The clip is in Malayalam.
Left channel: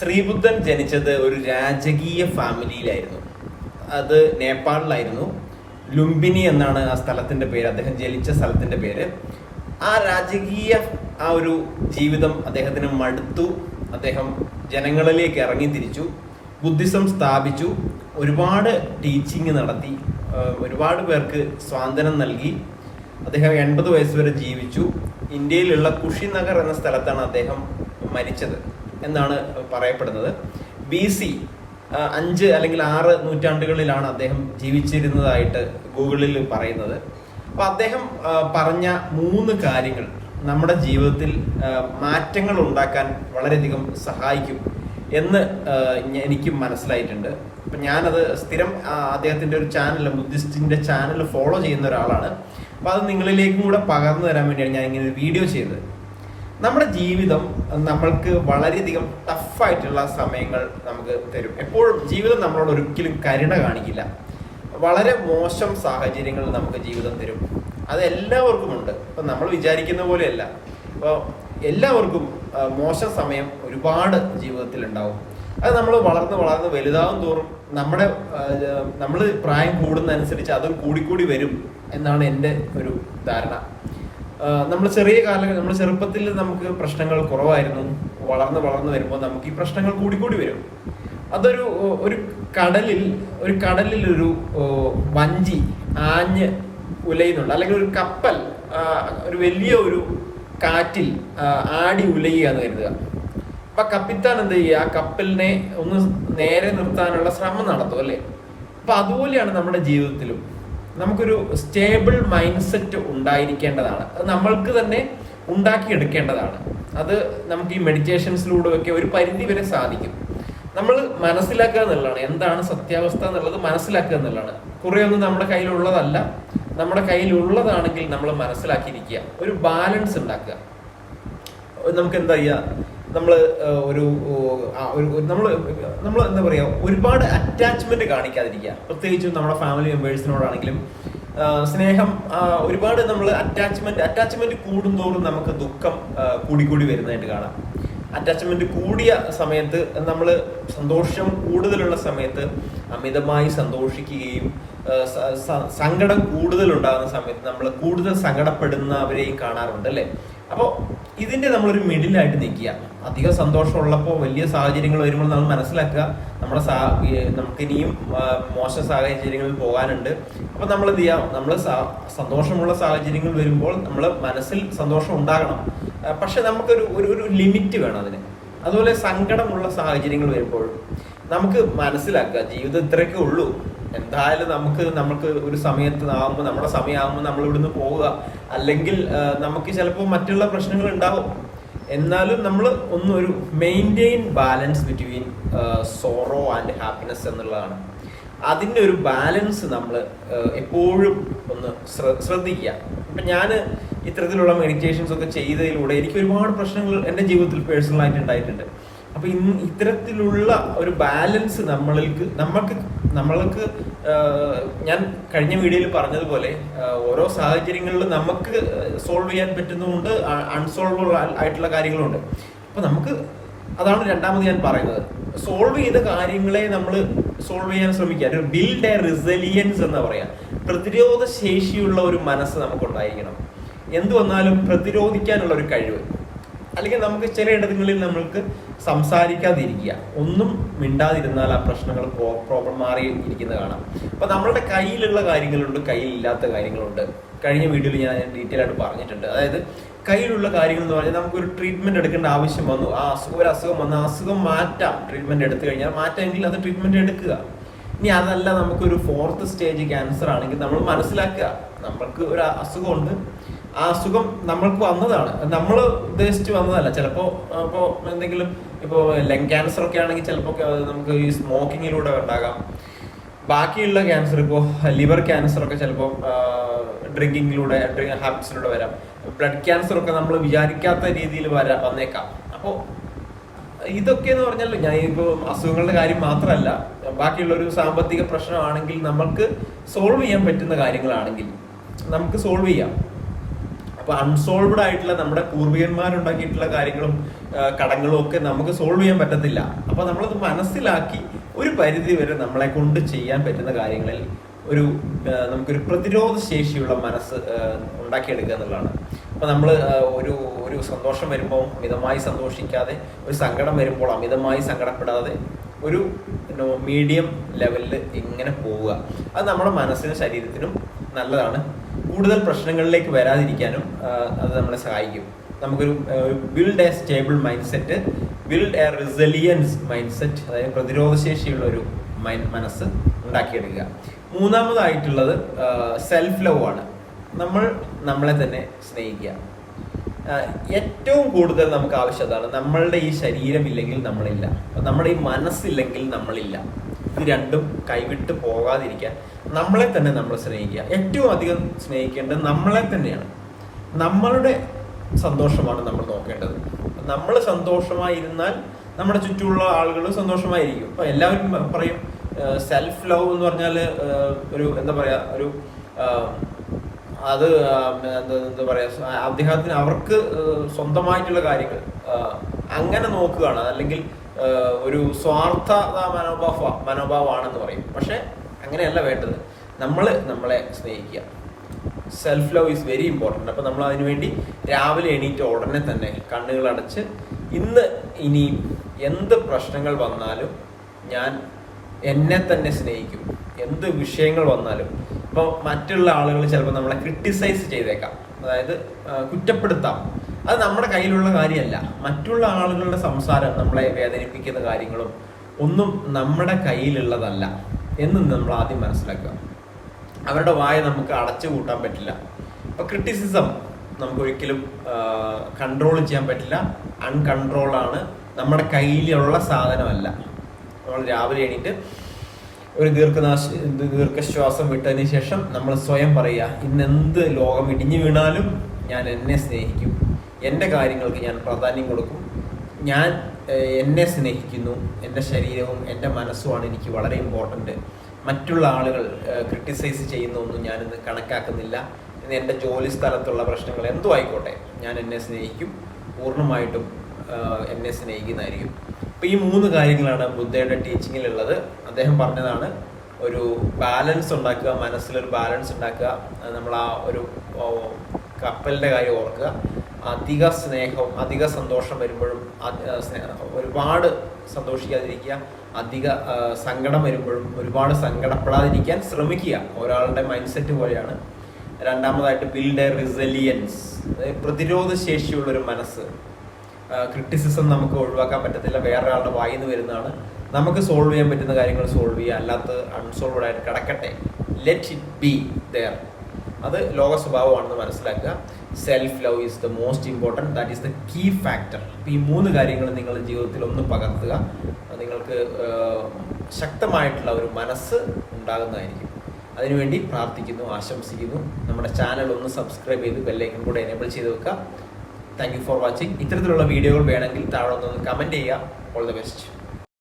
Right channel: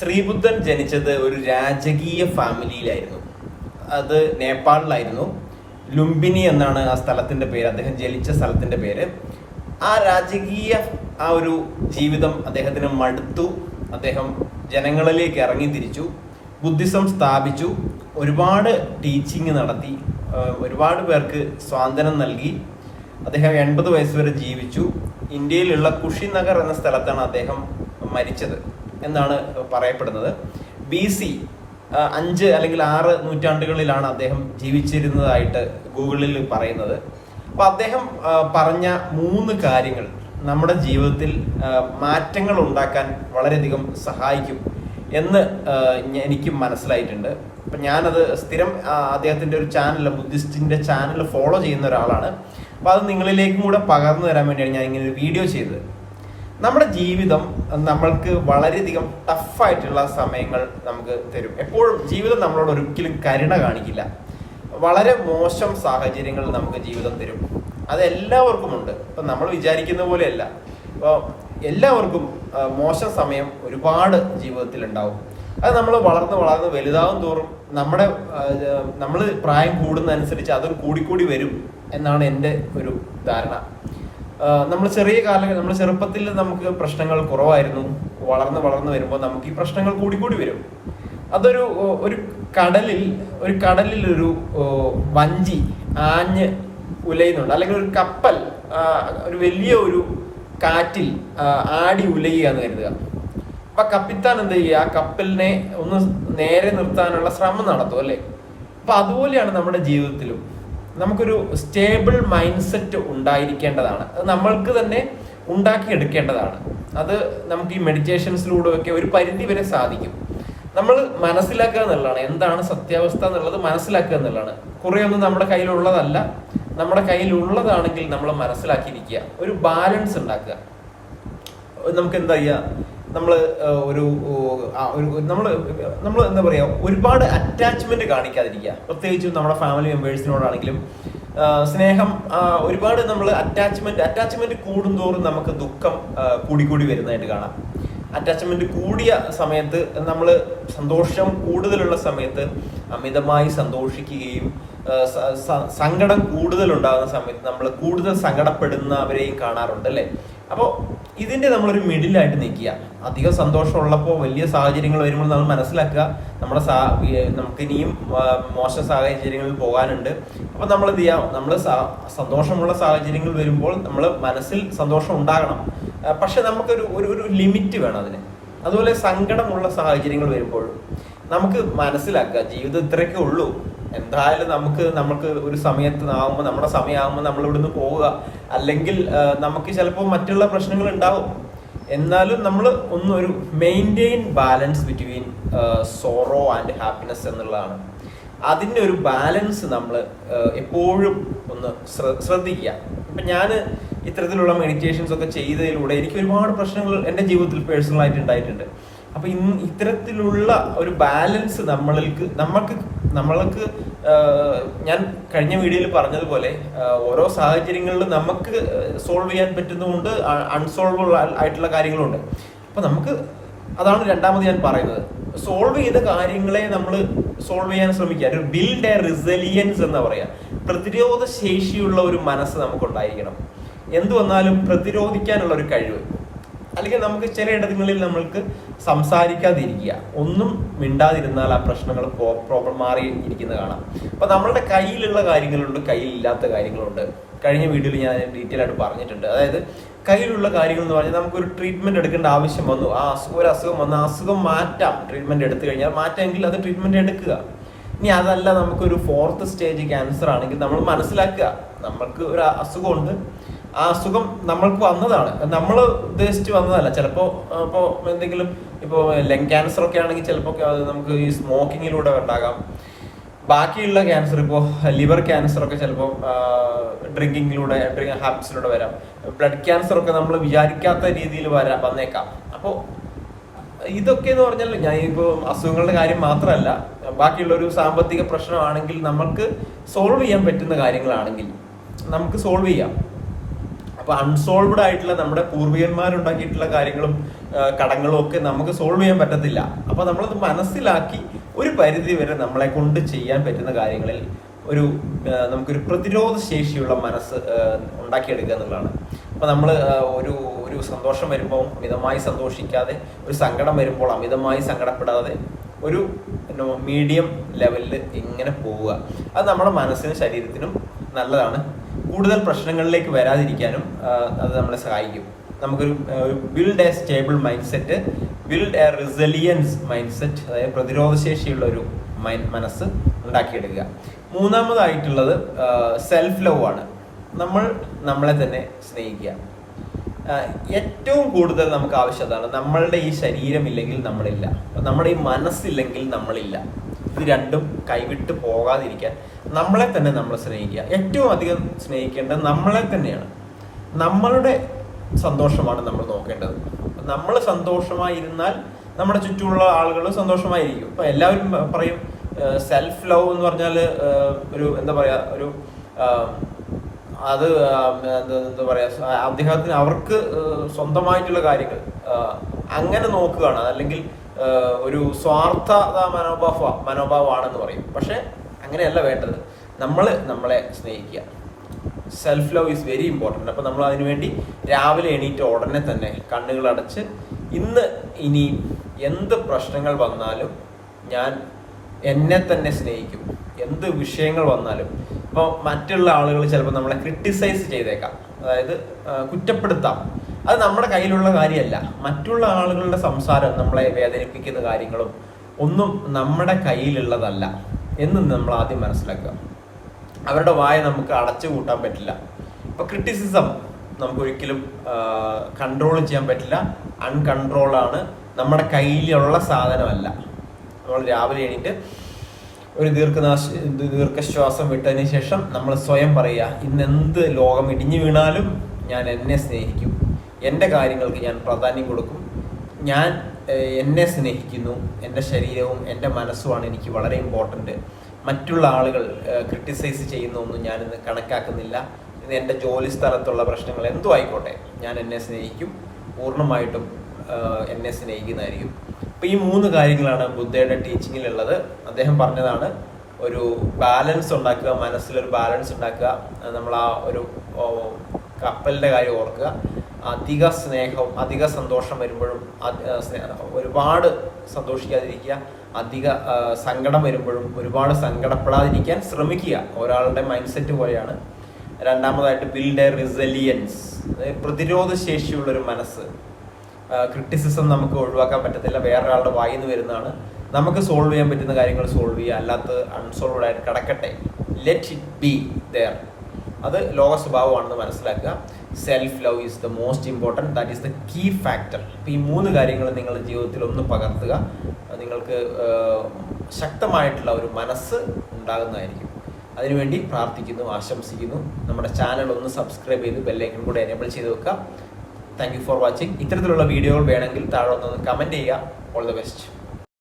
ശ്രീബുദ്ധൻ ജനിച്ചത് ഒരു രാജകീയ ഫാമിലിയിലായിരുന്നു. അത് നേപ്പാളിലായിരുന്നു. ലുംബിനി എന്നാണ് ആ സ്ഥലത്തിന്റെ പേര്. അദ്ദേഹം ജനിച്ച സ്ഥലത്തിന്റെ പേര്. ആ രാജകീയ ആ ഒരു ജീവിതം അദ്ദേഹത്തിന് മടുത്തു. അദ്ദേഹം ജനങ്ങളിലേക്ക് ഇറങ്ങി തിരിച്ചു. ബുദ്ധിസം സ്ഥാപിച്ചു. ഒരുപാട് ടീച്ചിങ് നടത്തി. ഒരുപാട് പേർക്ക് സ്വാതന്ത്ര്യം നൽകി. അദ്ദേഹം എൺപത് വയസ്സ് വരെ ജീവിച്ചു. ഇന്ത്യയിലുള്ള കുഷിനഗർ എന്ന സ്ഥലത്താണ് അദ്ദേഹം മരിച്ചത്. എന്നാണ് പറയപ്പെടുന്നത്. ബി സി അഞ്ച് അല്ലെങ്കിൽ ആറ് നൂറ്റാണ്ടുകളിലാണ് അദ്ദേഹം ജീവിച്ചിരുന്നതായിട്ട് ഗൂഗിളിൽ പറയുന്നത്. അപ്പൊ അദ്ദേഹം പറഞ്ഞ മൂന്ന് കാര്യങ്ങൾ നമ്മുടെ ജീവിതത്തിൽ മാറ്റങ്ങൾ ഉണ്ടാക്കാൻ വളരെയധികം സഹായിക്കും എന്ന് എനിക്കും മനസ്സിലായിട്ടുണ്ട്. അപ്പൊ ഞാനത് സ്ഥിരം അദ്ദേഹത്തിന്റെ ഒരു ചാനൽ ബുദ്ധിസ്റ്റിന്റെ ചാനൽ ഫോളോ ചെയ്യുന്ന ഒരാളാണ്. അപ്പൊ അത് നിങ്ങളിലേക്കും കൂടെ പകർന്നു തരാൻ വേണ്ടിയാണ് ഞാൻ ഇങ്ങനെ ഒരു വീഡിയോ ചെയ്തത്. നമ്മുടെ ജീവിതം നമ്മൾക്ക് വളരെയധികം ടഫായിട്ടുള്ള സമയങ്ങൾ നമുക്ക് തരും. എപ്പോഴും ജീവിതം നമ്മളോട് ഒരിക്കലും കരുണ കാണിക്കില്ല. വളരെ മോശം സാഹചര്യങ്ങൾ നമുക്ക് ജീവിതം തരും. അത് എല്ലാവർക്കും ഉണ്ട് ഇപ്പൊ നമ്മൾ വിചാരിക്കുന്ന പോലെയല്ല. അപ്പോൾ എല്ലാവർക്കും മോശം സമയം ഒരുപാട് ജീവിതത്തിൽ ഉണ്ടാവും അത് നമ്മൾ വളർന്ന് വളർന്ന് വലുതാവും തോറും നമ്മുടെ നമ്മൾ പ്രായം കൂടുന്നതനുസരിച്ച് അതും കൂടിക്കൂടി വരും എന്നാണ് എന്റെ ഒരു ധാരണ. നമ്മൾ ചെറിയ കാല നമ്മൾ ചെറുപ്പത്തിൽ നമുക്ക് പ്രശ്നങ്ങൾ കുറവായിരുന്നു. വളർന്ന് വളർന്ന് വരുമ്പോൾ നമുക്ക് ഈ പ്രശ്നങ്ങൾ കൂടി കൂടി വരും. അതൊരു ഒരു കടലിൽ ഒരു കടലിൽ ഒരു വഞ്ചി ആഞ്ഞ് ഉലയുന്നുണ്ട്. അല്ലെങ്കിൽ ഒരു കപ്പൽ ഒരു വലിയ ഒരു കാറ്റിൽ ആടി ഉലയുകയെന്ന് കരുതുക. അപ്പൊ കപ്പിത്താൻ എന്ത് ചെയ്യുക? ആ കപ്പലിനെ ഒന്ന് നേരെ നിർത്താനുള്ള ശ്രമം നടത്തും അല്ലേ? അപ്പൊ അതുപോലെയാണ് നമ്മുടെ ജീവിതത്തിലും. നമുക്കൊരു സ്റ്റേബിൾ മൈൻഡ് സെറ്റ് ഉണ്ടായിരിക്കേണ്ടതാണ്. അത് നമ്മൾക്ക് തന്നെ ഉണ്ടാക്കിയെടുക്കേണ്ടതാണ്. അത് നമുക്ക് ഈ മെഡിറ്റേഷൻസിലൂടെ ഒക്കെ ഒരു പരിധി വരെ സാധിക്കും. നമ്മൾ മനസ്സിലാക്കുക എന്നുള്ളതാണ്. എന്താണ് സത്യാവസ്ഥ എന്നുള്ളത് മനസ്സിലാക്കുക എന്നുള്ളതാണ്. കുറെ ഒന്നും നമ്മുടെ കയ്യിലുള്ളതല്ല. നമ്മുടെ കയ്യിലുള്ളതാണെങ്കിൽ നമ്മൾ മനസ്സിലാക്കിയിരിക്കുക. ഒരു ബാലൻസ് ഉണ്ടാക്കുക. നമുക്ക് എന്താ ചെയ്യാ നമ്മൾ ഏഹ്, ഒരു നമ്മൾ നമ്മൾ എന്താ പറയാ ഒരുപാട് അറ്റാച്ച്മെന്റ് കാണിക്കാതിരിക്കുക. പ്രത്യേകിച്ചും നമ്മുടെ ഫാമിലി മെമ്പേഴ്സിനോടാണെങ്കിലും സ്നേഹം ഒരുപാട് നമ്മൾ അറ്റാച്ച്മെന്റ് അറ്റാച്ച്മെന്റ് കൂടുന്തോറും നമുക്ക് ദുഃഖം കൂടിക്കൂടി വരുന്നതായിട്ട് കാണാം. അറ്റാച്ച്മെന്റ് കൂടിയ സമയത്ത് നമ്മൾ സന്തോഷം കൂടുതലുള്ള സമയത്ത് അമിതമായി സന്തോഷിക്കുകയും സങ്കടം കൂടുതൽ ഉണ്ടാകുന്ന സമയത്ത് നമ്മൾ കൂടുതൽ സങ്കടപ്പെടുന്നവരെയും കാണാറുണ്ട് അല്ലെ? അപ്പോൾ ഇതിന്റെ നമ്മളൊരു മിഡിലായിട്ട് നിൽക്കുക. അധികം സന്തോഷമുള്ളപ്പോൾ വലിയ സാഹചര്യങ്ങൾ വരുമ്പോൾ നമ്മൾ മനസ്സിലാക്കുക. നമ്മുടെ സാ നമുക്ക് ഇനിയും മോശ സാഹചര്യങ്ങളിൽ പോകാനുണ്ട്. അപ്പോൾ നമ്മൾ എന്ത് ചെയ്യാം നമ്മൾ സന്തോഷമുള്ള സാഹചര്യങ്ങൾ വരുമ്പോൾ നമ്മൾ മനസ്സിൽ സന്തോഷം ഉണ്ടാകണം. പക്ഷെ നമുക്കൊരു ഒരു ഒരു ലിമിറ്റ് വേണം അതിന്. അതുപോലെ സങ്കടമുള്ള സാഹചര്യങ്ങൾ വരുമ്പോൾ നമുക്ക് മനസ്സിലാക്കുക. ജീവിതം ഇത്രയൊക്കെ ഉള്ളൂ. എന്തായാലും നമുക്ക് നമുക്ക് ഒരു സമയത്ത് ആകുമ്പോൾ നമ്മുടെ സമയമാകുമ്പോൾ നമ്മൾ ഇവിടുന്ന് പോവുക. അല്ലെങ്കിൽ നമുക്ക് ചിലപ്പോൾ മറ്റുള്ള പ്രശ്നങ്ങൾ ഉണ്ടാവും. എന്നാലും നമ്മൾ ഒന്ന് ഒരു maintain balance between sorrow and happiness എന്നുള്ളതാണ്. അതിന്റെ ഒരു ബാലൻസ് നമ്മൾ എപ്പോഴും ഒന്ന് ശ്ര- ശ്രദ്ധിക്കുക. അപ്പം ഞാൻ ഇത്തരത്തിലുള്ള മെഡിറ്റേഷൻസ് ഒക്കെ ചെയ്തതിലൂടെ എനിക്ക് ഒരുപാട് പ്രശ്നങ്ങൾ എന്റെ ജീവിതത്തിൽ പേഴ്സണലായിട്ട് ഉണ്ടായിട്ടുണ്ട്. അപ്പൊ ഇന്ന് ഇത്തരത്തിലുള്ള ഒരു ബാലൻസ് നമ്മൾക്ക് നമ്മൾക്ക് നമ്മൾക്ക് ഞാൻ കഴിഞ്ഞ വീഡിയോയിൽ പറഞ്ഞതുപോലെ ഓരോ സാഹചര്യങ്ങളിലും നമുക്ക് സോൾവ് ചെയ്യാൻ പറ്റുന്നതുകൊണ്ട് അൺസോൾവബിൾ ആയിട്ടുള്ള കാര്യങ്ങളുണ്ട്. അപ്പൊ നമുക്ക് അതാണ് രണ്ടാമത് ഞാൻ പറയുന്നത്. സോൾവ് ചെയ്ത കാര്യങ്ങളെ നമ്മൾ സോൾവ് ചെയ്യാൻ ശ്രമിക്കുക. ഒരു ബിൽഡ് എ റിസലിയൻസ് എന്ന് പറയാ. പ്രതിരോധ ശേഷിയുള്ള ഒരു മനസ്സ് നമുക്കുണ്ടായിരിക്കണം. എന്ത് വന്നാലും പ്രതിരോധിക്കാനുള്ള ഒരു കഴിവ്. അല്ലെങ്കിൽ നമുക്ക് ചില ഇടങ്ങളിൽ നമ്മൾക്ക് സംസാരിക്കാതിരിക്കുക. ഒന്നും മിണ്ടാതിരുന്നാൽ ആ പ്രശ്നങ്ങൾ പ്രോബ്ലം മാറി ഇരിക്കുന്നത് കാണാം. അപ്പൊ നമ്മളുടെ കയ്യിലുള്ള കാര്യങ്ങളുണ്ട് കയ്യിലില്ലാത്ത കാര്യങ്ങളുണ്ട്. കഴിഞ്ഞ വീഡിയോയിൽ ഞാൻ ഡീറ്റെയിൽ ആയിട്ട് പറഞ്ഞിട്ടുണ്ട്. അതായത് കയ്യിലുള്ള കാര്യങ്ങൾ എന്ന് പറഞ്ഞാൽ നമുക്കൊരു ട്രീറ്റ്മെന്റ് എടുക്കേണ്ട ആവശ്യം വന്നു. ആ അസുഖം ഒരു അസുഖം വന്നു അസുഖം മാറ്റാം. ട്രീറ്റ്മെന്റ് എടുത്തു കഴിഞ്ഞാൽ മാറ്റാമെങ്കിൽ അത് ട്രീറ്റ്മെന്റ് എടുക്കുക. ഇനി അതല്ല നമുക്കൊരു ഫോർത്ത് സ്റ്റേജ് ക്യാൻസർ ആണെങ്കിൽ നമ്മൾ മനസ്സിലാക്കുക. നമ്മൾക്ക് ഒരു അസുഖമുണ്ട്. ആ അസുഖം നമ്മൾക്ക് വന്നതാണ്. നമ്മൾ ഉദ്ദേശിച്ച് വന്നതല്ല. ചിലപ്പോ ഇപ്പോ എന്തെങ്കിലും ഇപ്പോ ലങ് ക്യാൻസർ ഒക്കെ ആണെങ്കിൽ ചിലപ്പോൾ നമുക്ക് ഈ സ്മോക്കിങ്ങിലൂടെ ഉണ്ടാകാം. ബാക്കിയുള്ള ക്യാൻസർ ഇപ്പോ ലിവർ ക്യാൻസർ ഒക്കെ ചിലപ്പോൾ ഡ്രിങ്കിങ്ങിലൂടെ ഡ്രിങ്ക് ഹാബിറ്റ്സിലൂടെ വരാം. ബ്ലഡ് ക്യാൻസർ ഒക്കെ നമ്മൾ വിചാരിക്കാത്ത രീതിയിൽ വരാ വന്നേക്കാം. അപ്പോൾ ഇതൊക്കെ എന്ന് പറഞ്ഞാൽ ഞാൻ ഇപ്പോ അസുഖങ്ങളുടെ കാര്യം മാത്രമല്ല ബാക്കിയുള്ള ഒരു സാമ്പത്തിക പ്രശ്നമാണെങ്കിൽ നമ്മൾക്ക് സോൾവ് ചെയ്യാൻ പറ്റുന്ന കാര്യങ്ങളാണെങ്കിൽ നമുക്ക് സോൾവ് ചെയ്യാം. അപ്പൊ അൺസോൾവ്ഡ് ആയിട്ടുള്ള നമ്മുടെ പൂർവികന്മാരുണ്ടാക്കിയിട്ടുള്ള കാര്യങ്ങളും കടങ്ങളും ഒക്കെ നമുക്ക് സോൾവ് ചെയ്യാൻ പറ്റത്തില്ല. അപ്പൊ നമ്മളത് മനസ്സിലാക്കി ഒരു പരിധി വരെ നമ്മളെ കൊണ്ട് ചെയ്യാൻ പറ്റുന്ന കാര്യങ്ങളിൽ ഒരു നമുക്കൊരു പ്രതിരോധ ശേഷിയുള്ള മനസ്സ് ഉണ്ടാക്കിയെടുക്കുക എന്നുള്ളതാണ്. അപ്പൊ നമ്മൾ ഒരു ഒരു സന്തോഷം വരുമ്പോൾ മിതമായി സന്തോഷിക്കാതെ ഒരു സങ്കടം വരുമ്പോൾ അമിതമായി സങ്കടപ്പെടാതെ ഒരു മീഡിയം ലെവലിൽ ഇങ്ങനെ പോവുക. അത് നമ്മുടെ മനസ്സിനും ശരീരത്തിനും നല്ലതാണ്. കൂടുതൽ പ്രശ്നങ്ങളിലേക്ക് വരാതിരിക്കാനും അത് നമ്മളെ സഹായിക്കും. നമുക്കൊരു build a stable mindset build a resilience mindset അതായത് പ്രതിരോധശേഷിയുള്ള ഒരു മനസ്സ് ഉണ്ടാക്കിയെടുക്കുക. മൂന്നാമതായിട്ടുള്ളത് സെൽഫ് ലവ് ആണ്. നമ്മൾ നമ്മളെ തന്നെ സ്നേഹിക്കുക. ഏറ്റവും കൂടുതൽ നമുക്ക് ആവശ്യം അതാണ് നമ്മളുടെ ഈ ശരീരമില്ലെങ്കിൽ നമ്മളില്ല. നമ്മുടെ ഈ മനസ്സില്ലെങ്കിൽ നമ്മളില്ല. ഇത് രണ്ടും കൈവിട്ട് പോകാതിരിക്കാൻ നമ്മളെ തന്നെ നമ്മൾ സ്നേഹിക്കുക. ഏറ്റവും അധികം സ്നേഹിക്കേണ്ടത് നമ്മളെ തന്നെയാണ്. നമ്മളുടെ സന്തോഷമാണ് നമ്മൾ നോക്കേണ്ടത്. നമ്മൾ സന്തോഷമായിരുന്നാൽ നമ്മുടെ ചുറ്റുമുള്ള ആളുകൾ സന്തോഷമായിരിക്കും. അപ്പൊ എല്ലാവരും പറയും സെൽഫ് ലവ് എന്ന് പറഞ്ഞാൽ ഒരു എന്താ പറയാ ഒരു അത് എന്താ പറയാ അദ്ദേഹത്തിന് അവർക്ക് സ്വന്തമായിട്ടുള്ള കാര്യങ്ങൾ അങ്ങനെ നോക്കുകയാണ്. അല്ലെങ്കിൽ ഒരു സ്വാർത്ഥ മനോഭാവ മനോഭാവമാണെന്ന് പറയും. പക്ഷെ അങ്ങനെയല്ല വേണ്ടത്. നമ്മൾ നമ്മളെ സ്നേഹിക്കുക. Self love is very important അപ്പോൾ നമ്മൾ അതിനു വേണ്ടി രാവിലെ എണീറ്റ് ഉടനെ തന്നെ കണ്ണുകൾ അടച്ച് ഇന്ന് ഇനി എന്ത് പ്രശ്നങ്ങൾ വന്നാലും ഞാൻ എന്നെ തന്നെ സ്നേഹിക്കും. എന്ത് വിഷയങ്ങൾ വന്നാലും. ഇപ്പോൾ മറ്റുള്ള ആളുകൾ ചിലപ്പോൾ നമ്മളെ ക്രിട്ടിസൈസ് ചെയ്തേക്കാം. അതായത് കുറ്റപ്പെടുത്താം. അത് നമ്മുടെ കയ്യിലുള്ള കാര്യമല്ല. മറ്റുള്ള ആളുകളുടെ സംസാരം നമ്മളെ വേദനിപ്പിക്കുന്ന കാര്യങ്ങളും ഒന്നും നമ്മുടെ കയ്യിലുള്ളതല്ല എന്ന് നമ്മൾ ആദ്യം മനസ്സിലാക്കുക. അവരുടെ വായ നമുക്ക് അടച്ചു കൂട്ടാൻ പറ്റില്ല. ഇപ്പൊ ക്രിറ്റിസിസം നമുക്ക് ഒരിക്കലും കൺട്രോൾ ചെയ്യാൻ പറ്റില്ല. അൺകൺട്രോൾ ആണ്. നമ്മുടെ കയ്യിലുള്ള സാധനമല്ല. നമ്മൾ രാവിലെ എണീറ്റ് ഒരു ദീർഘനാശ ദീർഘശ്വാസം വിട്ടതിന് ശേഷം നമ്മൾ സ്വയം പറയുക ഇന്ന് എന്ത് ലോകം ഇടിഞ്ഞു വീണാലും ഞാൻ എന്നെ സ്നേഹിക്കും. എന്റെ കാര്യങ്ങൾക്ക് ഞാൻ പ്രാധാന്യം കൊടുക്കും. ഞാൻ എന്നെ സ്നേഹിക്കുന്നു. എന്റെ ശരീരവും എന്റെ മനസ്സുമാണ് എനിക്ക് വളരെ ഇമ്പോർട്ടന്റ് മറ്റുള്ള ആളുകൾ ക്രിട്ടിസൈസ് ചെയ്യുന്നൊന്നും ഞാനിന്ന് കണക്കാക്കുന്നില്ല. എന്റെ ജോലി സ്ഥലത്തുള്ള പ്രശ്നങ്ങൾ എന്തോ ആയിക്കോട്ടെ. ഞാൻ എന്നെ സ്നേഹിക്കും. പൂർണമായിട്ടും എന്നെ സ്നേഹിക്കുന്നതായിരിക്കും. അപ്പം ഈ മൂന്ന് കാര്യങ്ങളാണ് ബുദ്ധയുടെ ടീച്ചിങ്ങിലുള്ളത് അദ്ദേഹം പറഞ്ഞതാണ് ഒരു ബാലൻസ് ഉണ്ടാക്കുക മനസ്സിലൊരു ബാലൻസ് ഉണ്ടാക്കുക. നമ്മൾ ആ ഒരു കപ്പലിന്റെ കാര്യം ഓർക്കുക. അധിക സ്നേഹവും അധിക സന്തോഷം വരുമ്പോഴും ഒരുപാട് സന്തോഷിക്കാതിരിക്കുക അധിക സങ്കടം വരുമ്പോഴും ഒരുപാട് സങ്കടപ്പെടാതിരിക്കാൻ ശ്രമിക്കുക. ഒരാളുടെ മൈൻഡ് സെറ്റ് പോലെയാണ്. രണ്ടാമതായിട്ട് ബിൽഡ് എ റിസലിയൻസ് പ്രതിരോധ ശേഷിയുള്ള ഒരു മനസ്സ് ക്രിറ്റിസിസം നമുക്ക് ഒഴിവാക്കാൻ പറ്റത്തില്ല. വേറൊരാളുടെ വായിൽ നിന്ന് വരുന്നതാണ്. നമുക്ക് സോൾവ് ചെയ്യാൻ പറ്റുന്ന കാര്യങ്ങൾ സോൾവ് ചെയ്യുക. അല്ലാത്ത അൺസോൾവഡ് ആയിട്ട് കിടക്കട്ടെ. ലെറ്റ് ഇറ്റ് ബി ദർ അത് ലോക സ്വഭാവമാണെന്ന് മനസ്സിലാക്കുക. Self love is the most important that is the key factor ഈ മൂന്ന് കാര്യങ്ങൾ നിങ്ങളുടെ ജീവിതത്തിൽ ഒന്ന് പകർത്തുക. നിങ്ങൾക്ക് ശക്തമായിട്ടുള്ള ഒരു മനസ്സ് ഉണ്ടാകുന്നതായിരിക്കും. അതിനുവേണ്ടി പ്രാർത്ഥിക്കുന്നു ആശംസിക്കുന്നു. നമ്മുടെ ചാനൽ ഒന്ന് സബ്സ്ക്രൈബ് ചെയ്ത് ബെല്ലൈക്കൺ കൂടെ എനേബിൾ ചെയ്ത് വെക്കുക. താങ്ക് യു ഫോർ വാച്ചിങ് ഇത്തരത്തിലുള്ള വീഡിയോകൾ വേണമെങ്കിൽ താഴെ ഒന്ന് കമന്റ് ചെയ്യുക. All the best